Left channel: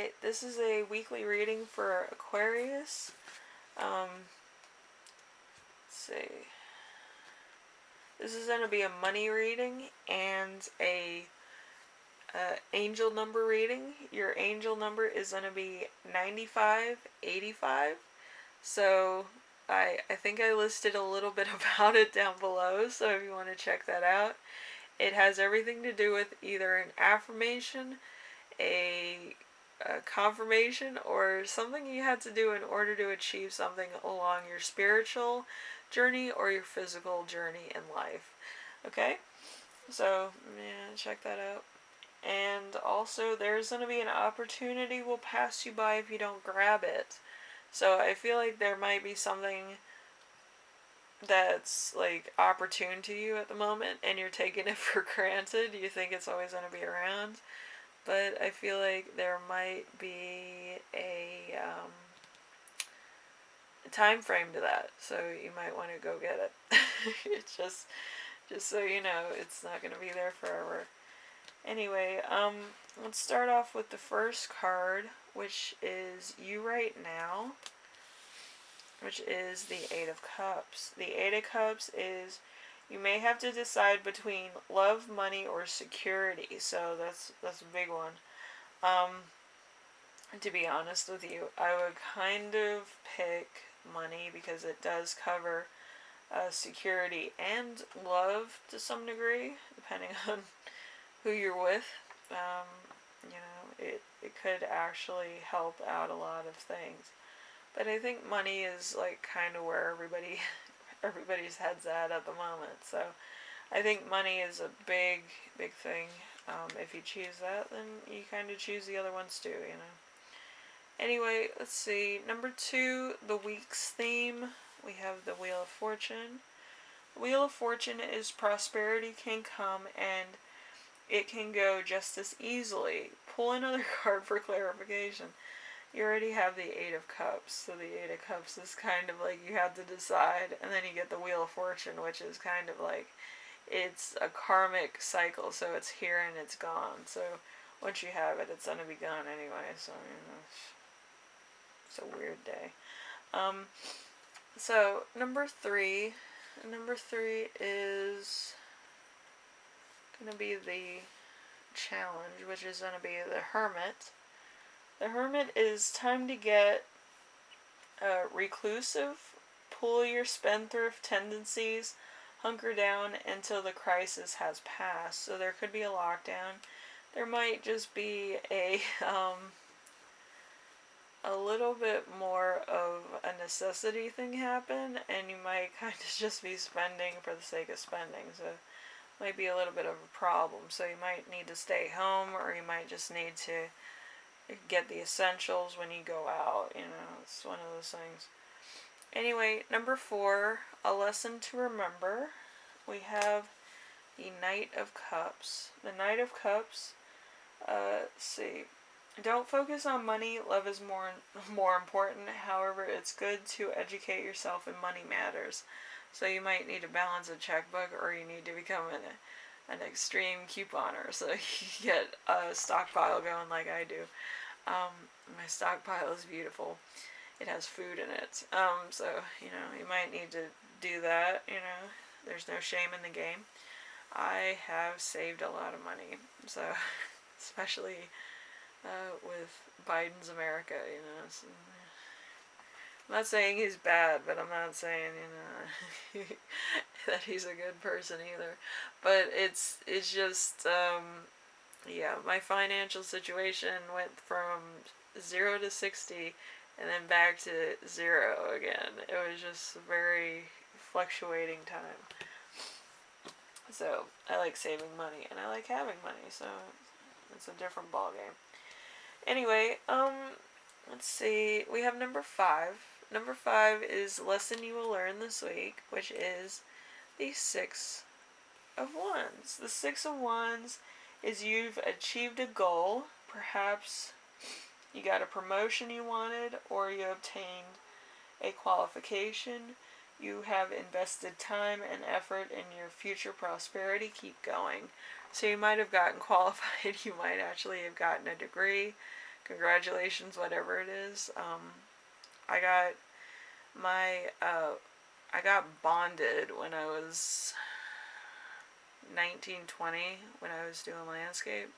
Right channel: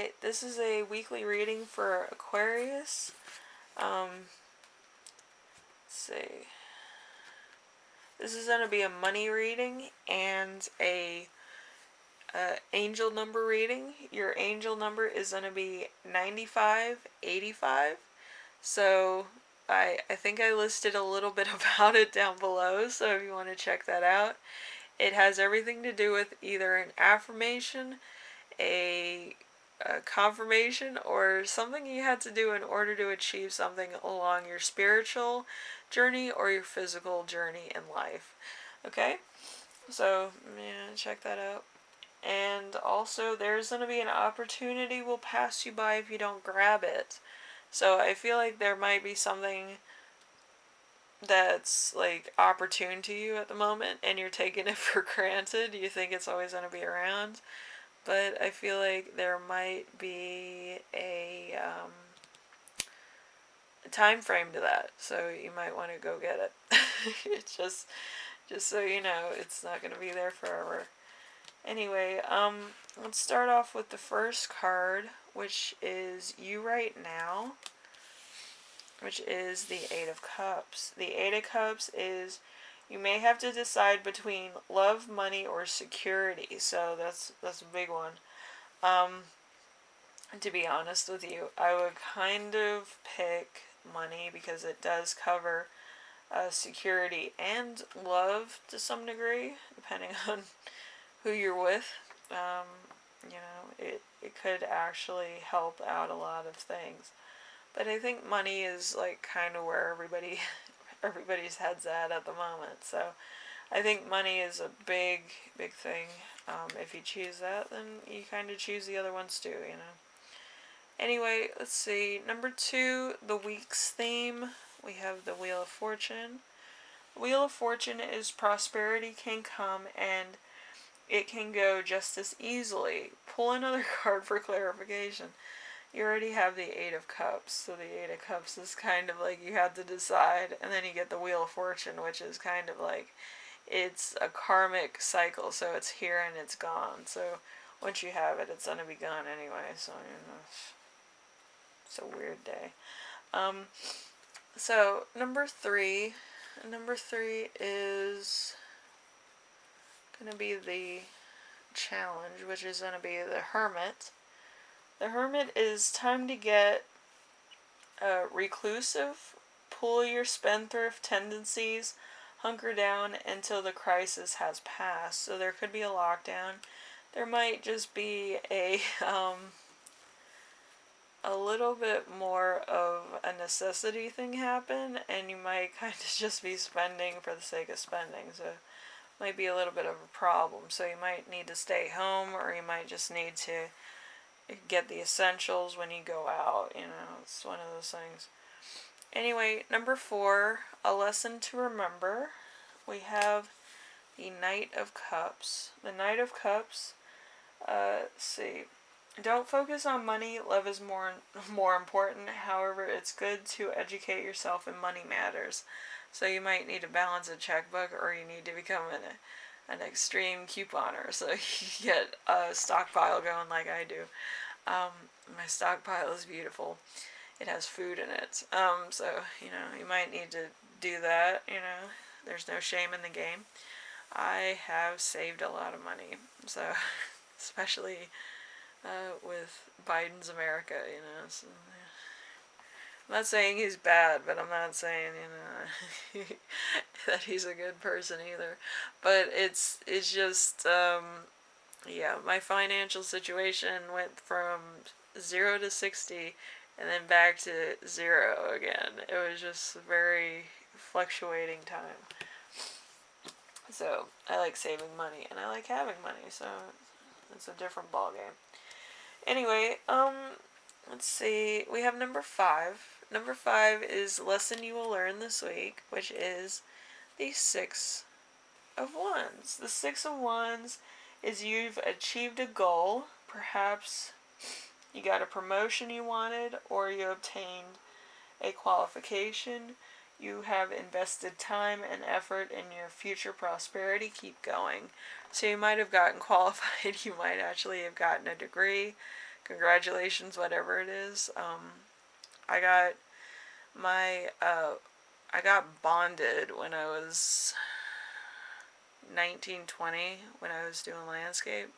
Alright, this is a weekly reading for Aquarius. Let's see. This is going to be a money reading and a angel number reading. Your angel number is going to be 9585. So I think I listed a little bit about it down below, so if you want to check that out. It has everything to do with either an affirmation, a confirmation, or something you had to do in order to achieve something along your spiritual journey or your physical journey in life. Okay? So, yeah, check that out. And also, there's going to be an opportunity will pass you by if you don't grab it. So I feel like there might be something that's like opportune to you at the moment and you're taking it for granted. You think it's always going to be around. But I feel like there might be a time frame to that, so you might want to go get it. It's just so you know, it's not going to be there forever. Anyway, let's start off with the first card, which is You Right Now, which is the Eight of Cups. The Eight of Cups is you may have to decide between love, money, or security. So that's a big one. To be honest with you, I would kind of pick money because it does cover security and love to some degree, depending on who you're with. It could actually help out a lot of things. But I think money is like kind of where everybody's head's at the moment. So I think money is a big thing. If you choose that, then you kind of choose the other ones too, you know. Anyway, let's see. Number 2, the week's theme. We have the Wheel of Fortune. The Wheel of Fortune is prosperity can come and it can go just as easily. Pull another card for clarification. You already have the Eight of Cups, so the Eight of Cups is kind of like you have to decide, and then you get the Wheel of Fortune, which is kind of like it's a karmic cycle, so it's here and it's gone. So once you have it, it's going to be gone anyway, so it's a weird day. So number 3 is going to be the challenge, which is going to be the Hermit. The Hermit is time to get reclusive, pull your spendthrift tendencies, hunker down until the crisis has passed. So there could be a lockdown. There might just be a little bit more of a necessity thing happen, and you might kind of just be spending for the sake of spending. So it might be a little bit of a problem. So you might need to stay home, or you might just need to get the essentials when you go out. You know, it's one of those things. Anyway, number 4, a lesson to remember. We have the Knight of Cups. The Knight of Cups, let's see. Don't focus on money. Love is more important. However, it's good to educate yourself in money matters. So you might need to balance a checkbook, or you need to become an extreme couponer. So you get a stockpile going like I do. My stockpile is beautiful. It has food in it. So, you might need to do that, There's no shame in the game. I have saved a lot of money. So, especially with Biden's America, So, I'm not saying he's bad, but I'm not saying, that he's a good person either. But it's just, my financial situation went from 0 to 60 and then back to 0 again. It was just a very fluctuating time. So I like saving money and I like having money, so it's a different ballgame. Anyway, let's see. We have number 5. Number 5 is lesson you will learn this week, which is the 6 of Wands. The 6 of Wands is you've achieved a goal. Perhaps you got a promotion you wanted, or you obtained a qualification. You have invested time and effort in your future prosperity. Keep going. So you might have gotten qualified. You might actually have gotten a degree, congratulations, whatever it is. I got I got bonded when I was 19, 20, when I was doing landscape.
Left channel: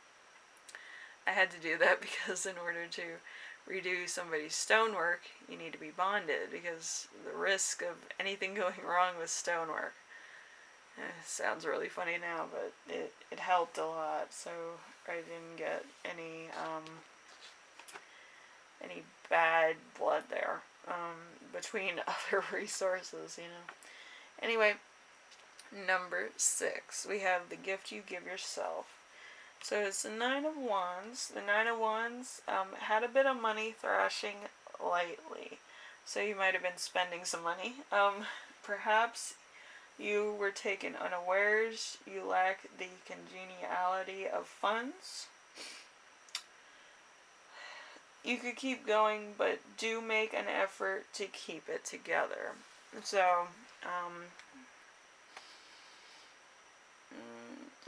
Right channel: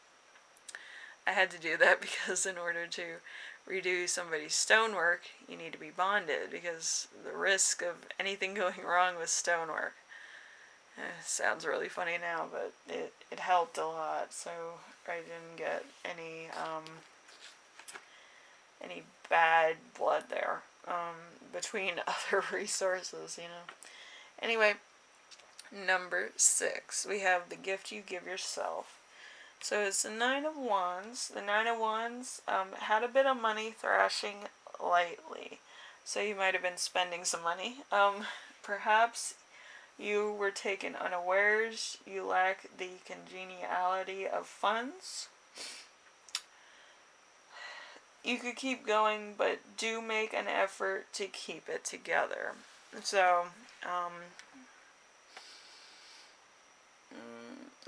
I had to do that because in order to redo somebody's stonework, you need to be bonded, because the risk of anything going wrong with stonework. Sounds really funny now, but it helped a lot, so I didn't get any bad blood there, between other resources, you know. Anyway, number 6, we have the gift you give yourself. So it's the Nine of Wands. The Nine of Wands had a bit of money thrashing lightly. So you might have been spending some money. Perhaps you were taken unawares. You lack the congeniality of funds. You could keep going, but do make an effort to keep it together. So,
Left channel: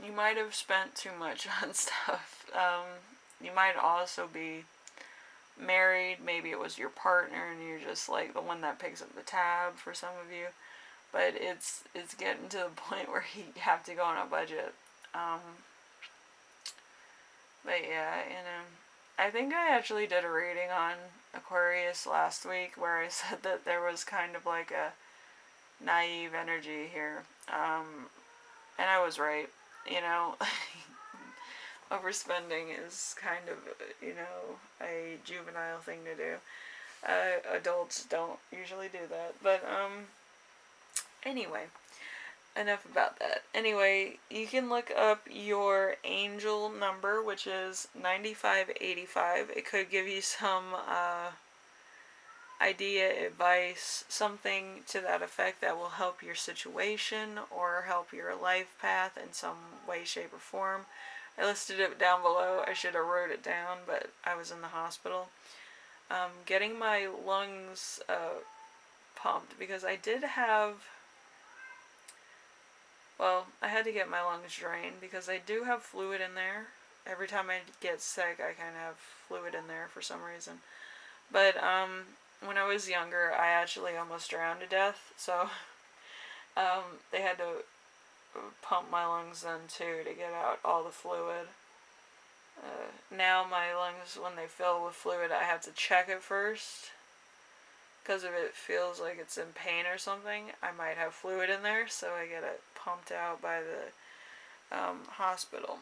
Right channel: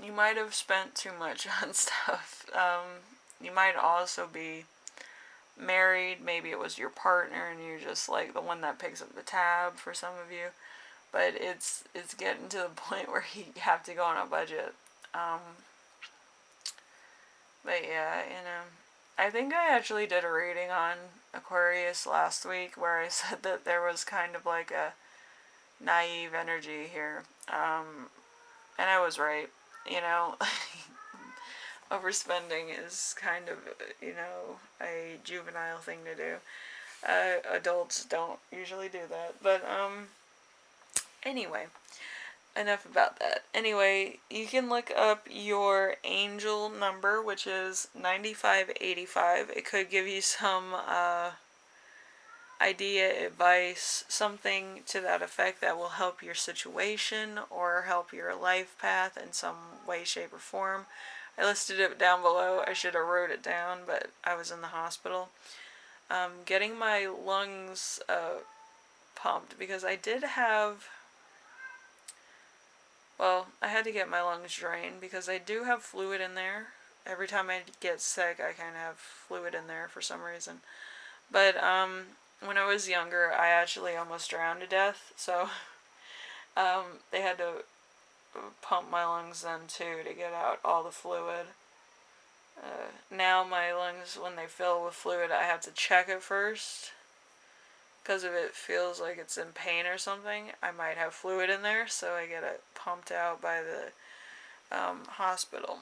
you might have spent too much on stuff. You might also be married. Maybe it was your partner and you're just like the one that picks up the tab for some of you. But it's getting to the point where you have to go on a budget. But yeah, you know, I think I actually did a reading on Aquarius last week where I said that there was kind of like a naive energy here. And I was right, you know. Overspending is kind of, you know, a juvenile thing to do. Adults don't usually do that. But, anyway, enough about that. Anyway, you can look up your angel number, which is 9585. It could give you some idea, advice, something to that effect that will help your situation or help your life path in some way, shape, or form. I listed it down below. I should have wrote it down, but I was in the hospital. Getting my lungs pumped, because I did have, well, I had to get my lungs drained because I do have fluid in there. Every time I get sick, I kind of have fluid in there for some reason. But when I was younger, I actually almost drowned to death, so they had to pump my lungs then too to get out all the fluid. Now my lungs, when they fill with fluid, I have to check it first, because if it feels like it's in pain or something, I might have fluid in there, so I get it pumped out by the hospital.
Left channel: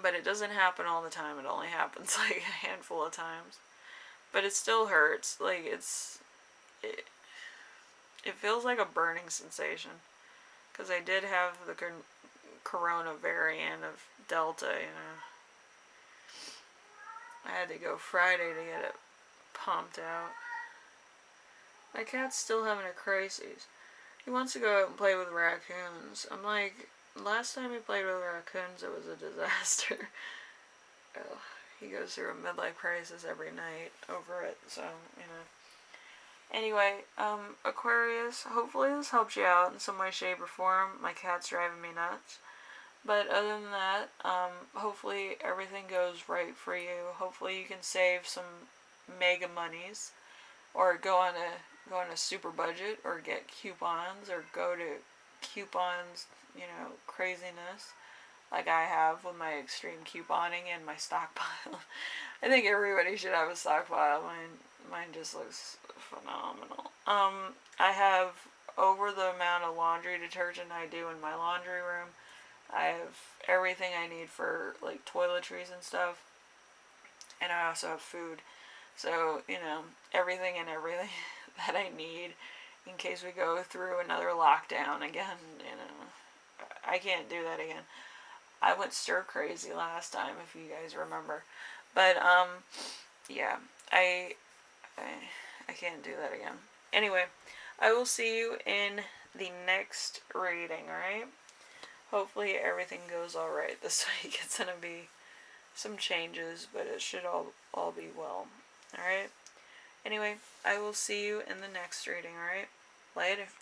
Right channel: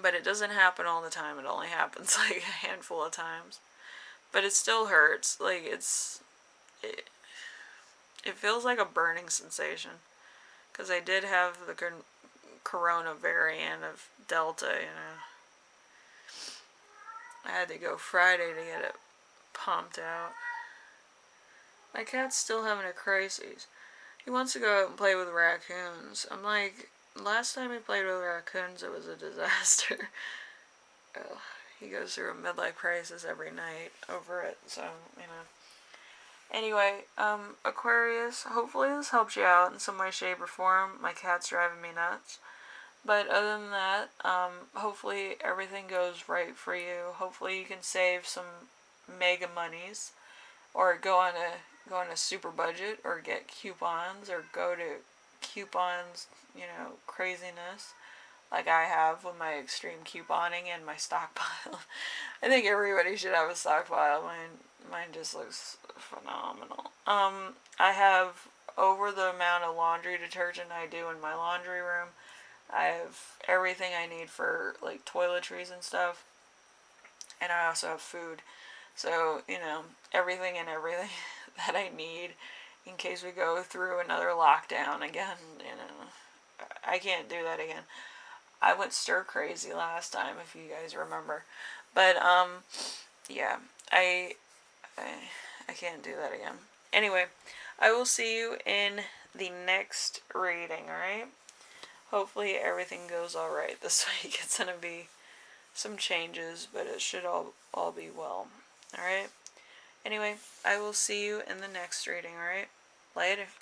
But it doesn't happen all the time. It only happens like a handful of times. But it still hurts. Like, it feels like a burning sensation. Because I did have the corona variant of Delta, you know. I had to go Friday to get it pumped out. My cat's still having a crisis. He wants to go out and play with raccoons. I'm like, last time he played with raccoons, it was a disaster. He goes through a midlife crisis every night over it, so, you know. Anyway, Aquarius, hopefully this helps you out in some way, shape, or form. My cat's driving me nuts. But other than that, hopefully everything goes right for you. Hopefully you can save some mega monies, or go on a super budget, or get coupons, or go to coupons, you know, craziness, like I have with my extreme couponing and my stockpile. I think everybody should have a stockpile. Mine just looks phenomenal. I have over the amount of laundry detergent I do in my laundry room. I have everything I need for, like, toiletries and stuff. And I also have food. So, you know, everything that I need in case we go through another lockdown again, you know. I can't do that again. I went stir crazy last time, if you guys remember. But, yeah, I can't do that again. Anyway, I will see you in the next reading, alright? Hopefully everything goes alright this week. It's going to be some changes, but it should all be well. Alright? Anyway, I will see you in the next reading, alright? Later.